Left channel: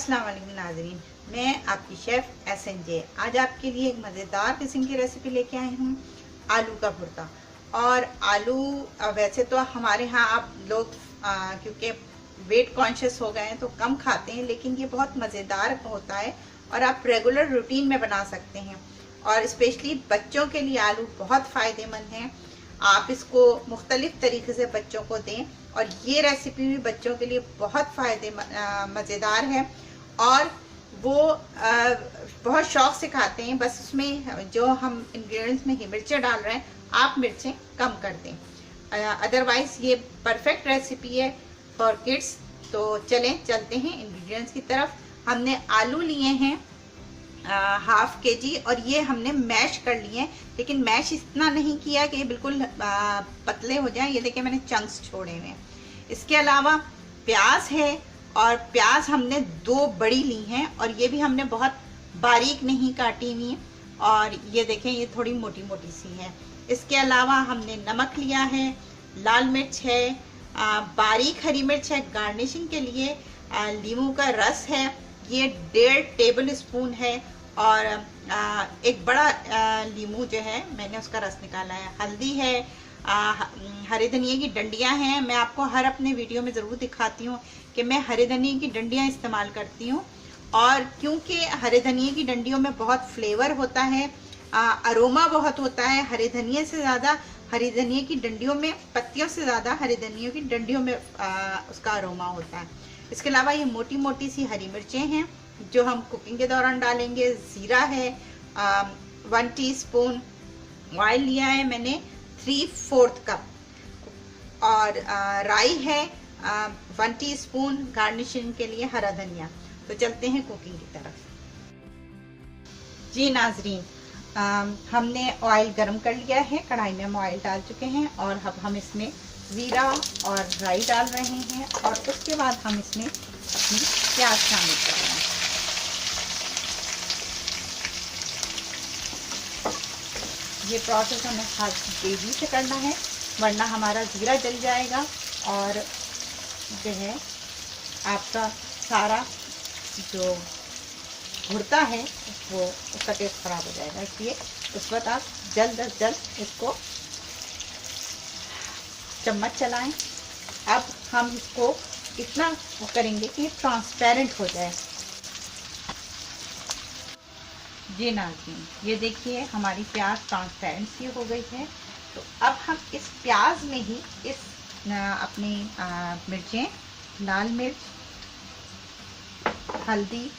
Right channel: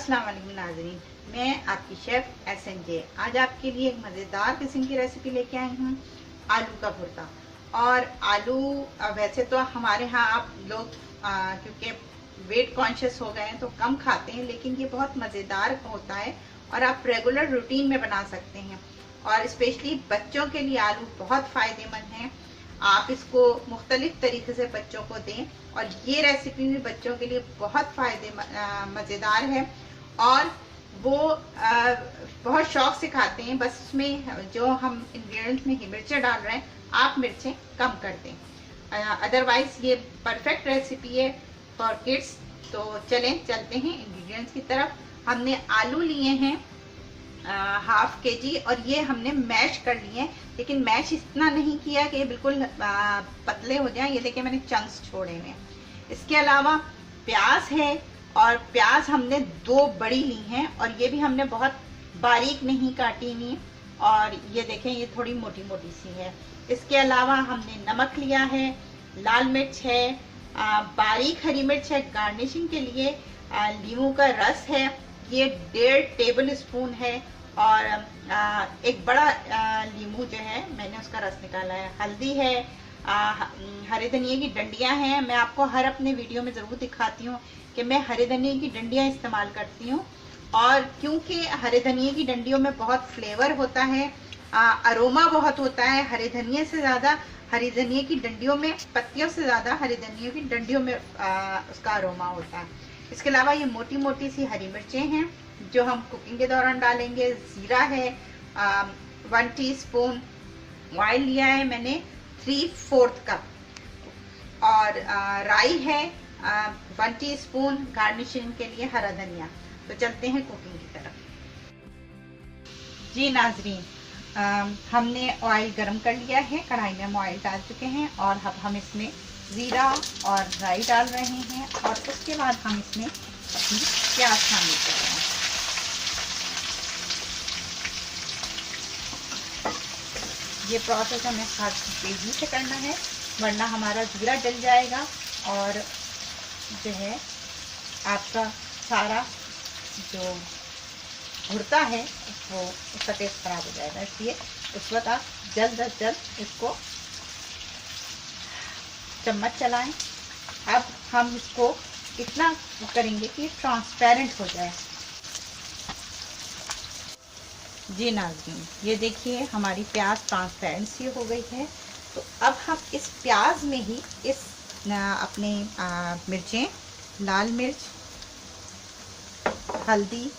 अस्सलाम वालेकुम नाज़रीन, मैं आपकी शेफ़ SNJ। आज आपके लिए एक मज़ेदार किस्म की रेसिपी लेके आई हूँ, आलू का भुर्ता। और आलू वैसे तो हमारे यहाँ आप लोग क्योंकि वेट कॉन्शियस हो गए हैं तो कम खाते हैं, लेकिन ये बहुत मज़ेदार होता है और आप रेगुलर रूटीन में बना सकते हैं। और स्पेशली बच्चों के लिए आलू बहुत फ़ायदेमंद हैं। आप इसको मुख्तलिफ तरीके से बच्चों को दें और ये रेसिपी भी बच्चों के लिए बहुत मज़ेदार है और वो बहुत शौक से खाते हैं। बस उसमें जो हम इंग्रेडिएंट्स में मिर्चें डाल रहे हैं, आप मिर्चें कम कर दें। अदरवाइज ये परफेक्ट रेसिपी है फॉर किड्स। तो चलते हैं इंग्रेडिएंट्स की तरफ। हमने आलू लिए हैं हाफ के जी और ये हमने मैश कर लिए हैं, लेकिन मैश इतना नहीं किया कि बिल्कुल पतले हो जाएं। ये देखिए मैंने चंक्स छोड़े हुए हैं। इसके अलावा प्याज है और प्याज हमने 2 बड़ी ली हैं और ये भी हमने बहुत बारीक नहीं काटी हुई और ये देखें ये थोड़ी मोटी मोटी सी है। इसके अलावा हमने नमक लिया है, लाल मिर्च है, बारीक हरी मिर्च है गार्निशिंग के लिए, नींबू का रस है, ये 1.5 टेबल स्पून है और एक बड़ा नींबू जो है मैंने उसका रस निकाला है, हल्दी है, हरे धनिए की डंडियां हैं। मैं आपको हर अपने वीडियो में ज़रूर दिखाती हूँ कि मैं हरे धनिए की डंडियां इस्तेमाल करती हूँ और क्योंकि हरे धनिए की डंडियों में बहुत फ्लेवर होता है, अरोमा बहुत होता है। हरे धनिए से ज़्यादा हरी धनिए की डंडियों में, पत्तियों से ज़्यादा हरी धनियों की डंडियों में उसका अरोमा होता है। इसके अलावा ये मोटी मोटी सी हरी मिर्चें हैं जो हम कुकिंग के दौरान डालेंगे। ज़ीरा है 1 टीस्पून, ऑयल लिया है मैंने 3/4 कप और राई है 1 टीस्पून, गार्निशिंग के लिए हरा धनिया। तो चलते हैं कुकिंग की तरफ। जी नाजरीन, हमने ऑयल गरम कर लिया है, कढ़ाई में हम ऑयल डाल चुके हैं और अब हम इसमें ज़ीरा और राई डाल रहे हैं और उसके बाद हम इसमें अपनी प्याज शामिल कर रहे हैं। ये प्रोसेस हमें हर तेज़ी से करना है वरना हमारा ज़ीरा जल जाएगा और जो है आपका सारा जो भुर्ता है वो उसका टेस्ट खराब हो जाएगा। इसलिए उस वक्त आप जल्द अज जल्द इसको चम्मच चलाएं। अब हम इसको इतना करेंगे कि ट्रांसपेरेंट हो जाए। जी नाज़रीन, ये देखिए हमारी प्याज ट्रांसपेरेंट सी हो गई है। तो अब हम इस प्याज में ही इस अपनी मिर्चें, लाल मिर्च, हल्दी,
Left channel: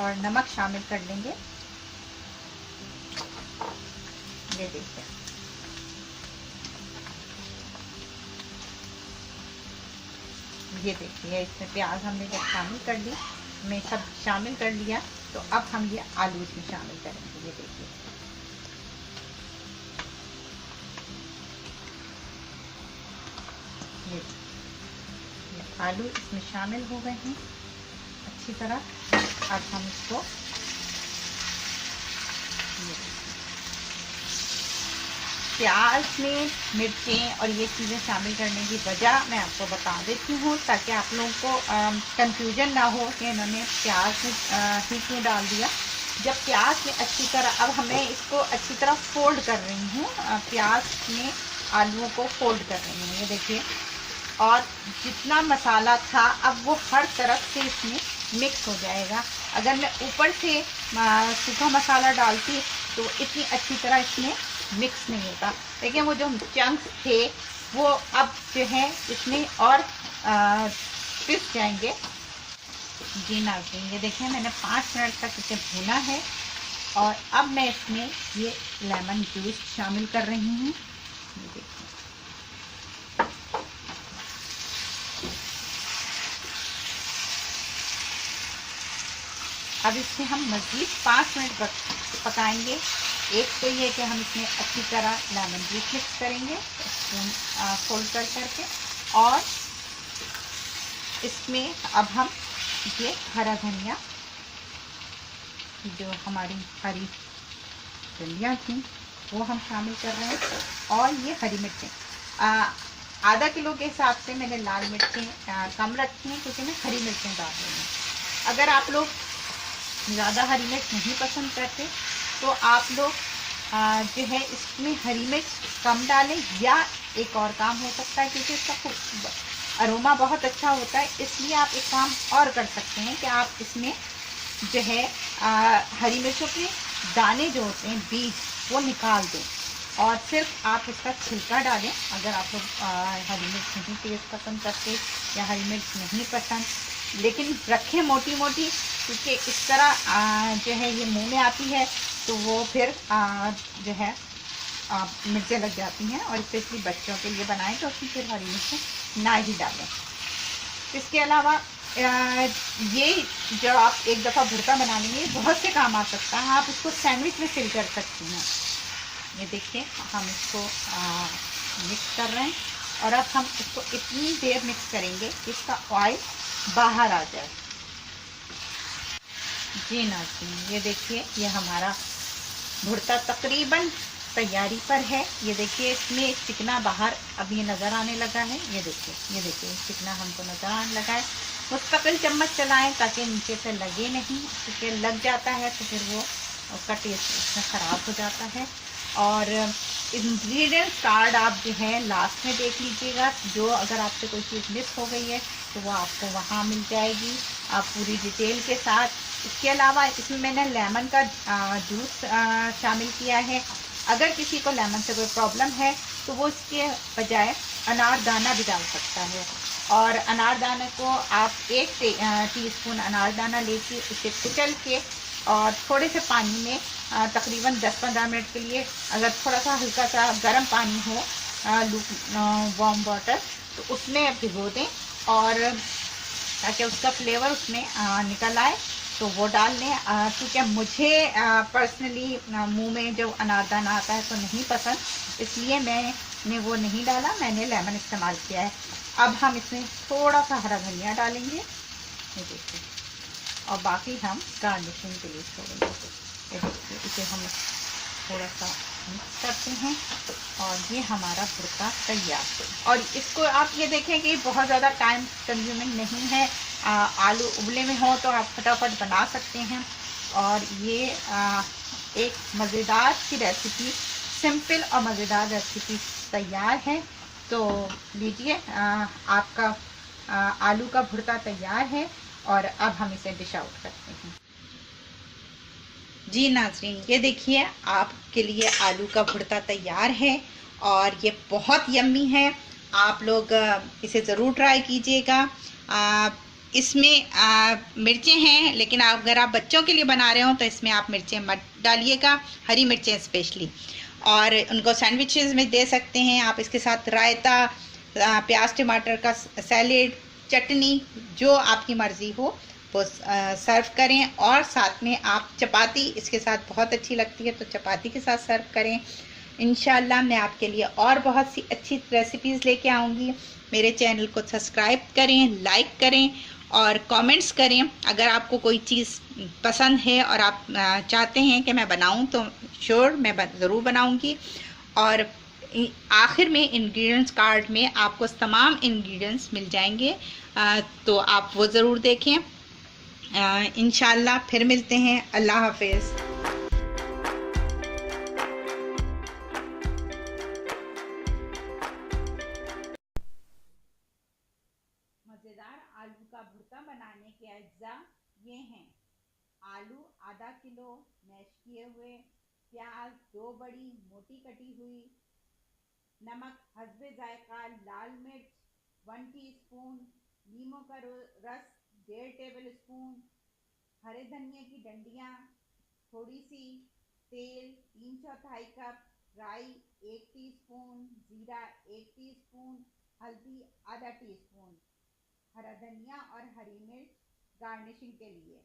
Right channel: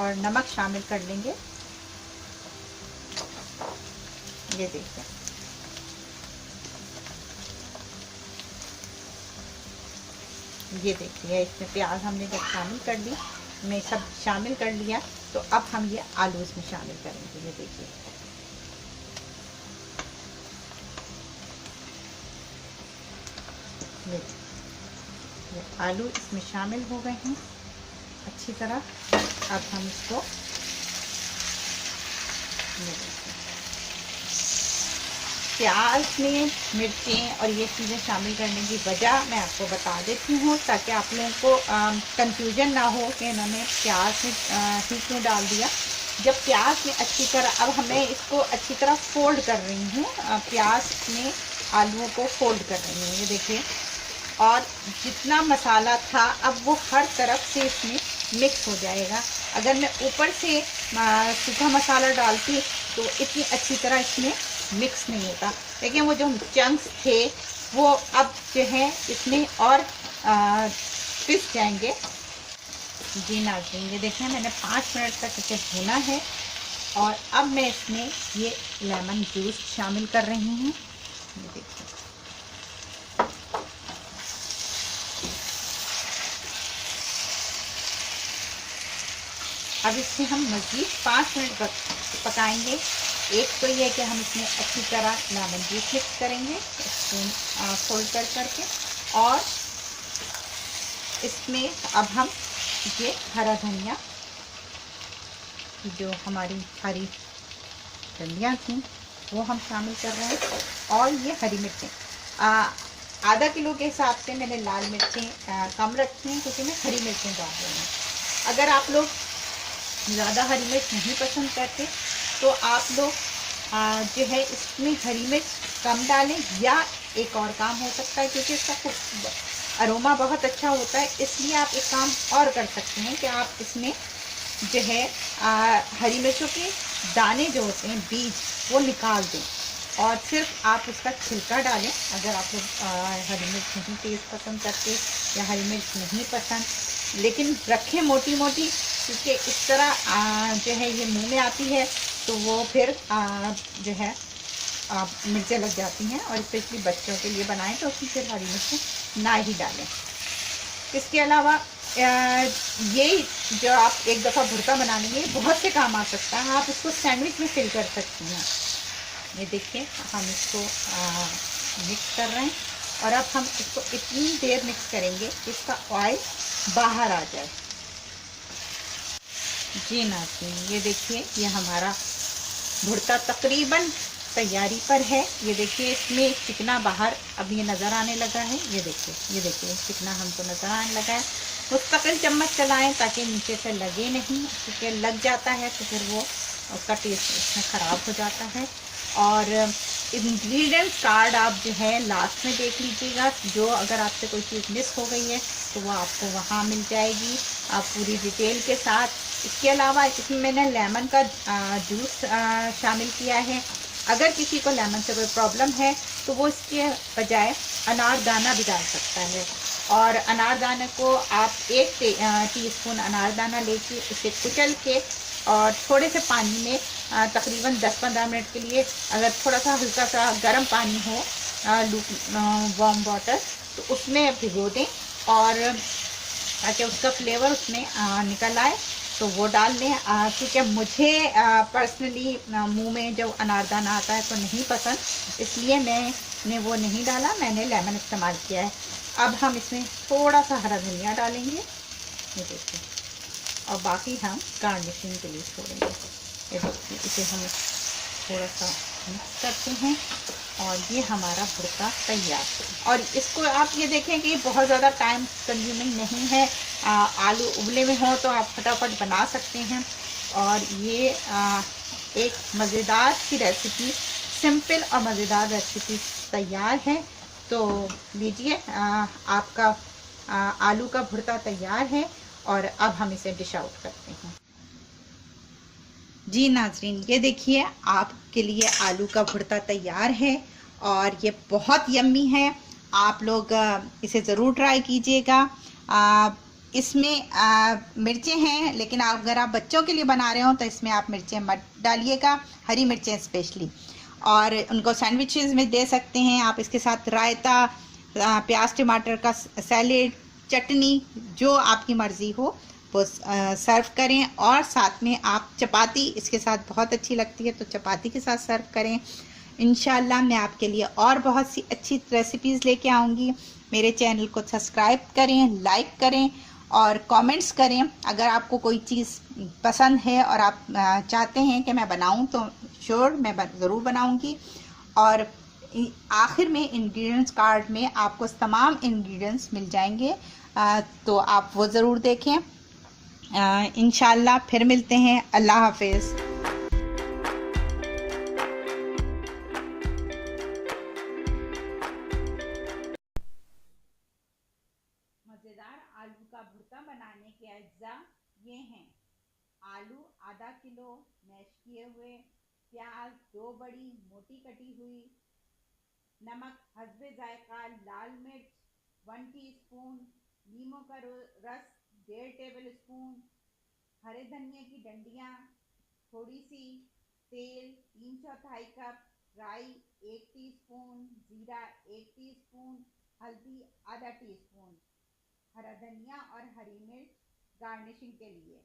और नमक शामिल कर लेंगे। ये देखिए इसमें प्याज हमने जब शामिल कर ली, मैं सब शामिल कर लिया, तो अब हम ये आलू इसमें शामिल करेंगे। ये देखिए ये आलू इसमें शामिल हो गए हैं अच्छी तरह। अब हम इसको प्याज में मिर्चें और ये चीज़ें शामिल करने की वजह मैं आपको बता देती हूँ ताकि आप लोगों को कंफ्यूजन ना हो कि इन्होंने प्याज में ही क्यों डाल दिया। जब प्याज में अच्छी तरह, अब हमें इसको अच्छी तरह फोल्ड कर रही हूँ, प्याज में आलूओं को फोल्ड कर रही हूँ। ये देखिए, और जितना मसाला था अब वो हर तरफ से इसमें मिक्स हो जाएगा। अगर मैं ऊपर से सूखा मसाला डालती तो इतनी अच्छी तरह इसमें मिक्स नहीं होता। लेकिन वो जो चंक्स थे वो अब जो है इसमें और पिस जाएंगे। जी नाज़रीन, ये देखें मैंने 5 मिनट तक इसे भुना है और अब मैं इसमें ये लेमन जूस शामिल कर रही हूँ। ये देखिए अब इसमें हम मज़ीद 5 मिनट पकाएंगे। एक तो ये कि हम इसमें अच्छी तरह लेमन जूस मिक्स करेंगे स्पून फोल्ड कर करके, और इसमें अब हम ये हरा धनिया, जो हमारी हरी डंडियाँ थी वो हम शामिल कर रहे हैं, और ये हरी मिर्चें। आधा किलो के हिसाब से मैंने लाल मिर्चें कम रखी हैं क्योंकि मैं हरी मिर्चें डाल रही हूँ। अगर आप लोग ज़्यादा हरी मिर्च नहीं पसंद करते तो आप लोग जो है इसमें हरी मिर्च कम डालें, या एक और काम हो सकता है क्योंकि इसका अरोमा बहुत अच्छा होता है, इसलिए आप एक काम और कर सकते हैं कि आप इसमें जो है हरी मिर्चों के दाने जो होते हैं, बीज, वो निकाल दें और सिर्फ आप उसका छिलका डालें। अगर आप लोग हरी मिर्च नहीं तेज़ पसंद करते या हरी मिर्च नहीं पसंद, लेकिन रखें मोटी मोटी, क्योंकि इस तरह जो है ये मुंह में आती है तो वो फिर जो है मिर्चें लग जाती हैं, और स्पेशली बच्चों के लिए बनाएं तो उसमें फिर हरी मिर्च ना ही डालें। इसके अलावा ये जो आप एक दफ़ा भुर्ता बना लेंगे बहुत से काम आ सकता है। आप इसको सैंडविच में फिल कर सकती हैं। ये देखिए हम इसको मिक्स कर रहे हैं, और अब हम इसको इतनी देर मिक्स करेंगे कि इसका ऑयल बाहर आ जाए। जी नाज़रीन, ये देखिए ये हमारा भुर्ता तकरीबन तैयारी पर है। ये देखिए इसमें चिकना बाहर अब ये नज़र आने लगा है। ये देखिए चिकना हमको नज़र आने लगा है। मुस्तकिल चम्मच चलाएं ताकि नीचे से लगे नहीं, क्योंकि लग जाता है तो फिर वो उसका टेस्ट उसमें ख़राब हो जाता है। और इंग्रेडिएंट्स कार्ड आप जो है लास्ट में देख लीजिएगा, जो अगर आपसे कोई चीज़ मिस हो गई है तो वो आपको वहाँ मिल जाएगी आप पूरी डिटेल के साथ। इसके अलावा इसमें मैंने लेमन का जूस शामिल किया है। अगर किसी को लेमन से कोई प्रॉब्लम है तो वो इसके बजाय अनारदाना भी डाल सकता है, और अनारदाने को आप 1 टीस्पून अनारदाना लेके उसे कुचल के और थोड़े से पानी में तकरीबन 10-15 मिनट के लिए, अगर थोड़ा सा हल्का सा गर्म पानी हो, वार्म वाटर, तो उसमें भिगो दें, और ताकि उसका फ्लेवर उसमें निकल आए तो वो डाल लें। क्योंकि मुझे पर्सनली मुंह में जब अनारदाना आता है तो नहीं पसंद, इसलिए मैंने वो नहीं डाला, मैंने लेमन इस्तेमाल किया है। अब हम इसमें थोड़ा सा हरा धनिया डालेंगे, ये देखिए, और बाकी हम गार्निशिंग के लिए छोड़ेंगे। ये देखिए इसे हम थोड़ा सा मिक्स करते हैं, और ये हमारा भुर्ता तैयार। और इसको आप ये देखें कि बहुत ज़्यादा टाइम कंज्यूमिंग नहीं है। आलू उबले में हो तो आप फटाफट बना सकते हैं, और ये एक मज़ेदार सी रेसिपी, सिंपल और मज़ेदार रेसिपी तैयार है। तो लीजिए आपका आलू का भुर्ता तैयार है, और अब हम इसे डिश आउट करते हैं। जी नाज़रीन, ये देखिए आपके लिए आलू का भुर्ता तैयार है, और ये बहुत यम्मी है। आप लोग इसे ज़रूर ट्राई कीजिएगा। इसमें मिर्चें हैं, लेकिन अगर आप बच्चों के लिए बना रहे हो तो इसमें आप मिर्चें मत डालिएगा, हरी मिर्चें स्पेशली, और उनको सैंडविचेस में दे सकते हैं आप। इसके साथ रायता, प्याज टमाटर का सैलेड, चटनी, जो आपकी मर्ज़ी हो वो सर्व करें। और साथ में आप चपाती इसके साथ बहुत अच्छी लगती है, तो चपाती के साथ सर्व करें। इंशाल्लाह मैं आपके लिए और बहुत सी अच्छी रेसिपीज़ लेके आऊँगी। मेरे चैनल को सब्सक्राइब करें, लाइक करें और कमेंट्स करें। अगर आपको कोई चीज़ पसंद है और आप चाहते हैं कि मैं बनाऊं तो श्योर मैं ज़रूर बनाऊंगी। और आखिर में इंग्रेडिएंट्स कार्ड में आपको तमाम इंग्रेडिएंट्स मिल जाएंगे, तो आप वो ज़रूर देखें। इंशाल्लाह फिर मिलते हैं। अल्लाह हाफिज़। मज़ेदार आलू का भुर्ता बनाने के अज्जा ये हैं: आलू आधा किलो मैश किए हुए, प्याज 2 बड़ी मोटी कटी हुई, नमक हस्बे जायका, लाल मिर्च 1 टीस्पून, नींबू का रस 1.5 टेबल स्पून, हरे धनिया की डंडियाँ थोड़ी सी, तेल 3/4 कप, राई 1 टीस्पून, जीरा 1 टीस्पून, हल्दी आधा टीस्पून, हरा धनिया और हरी मिर्च गार्निशिंग के लिए।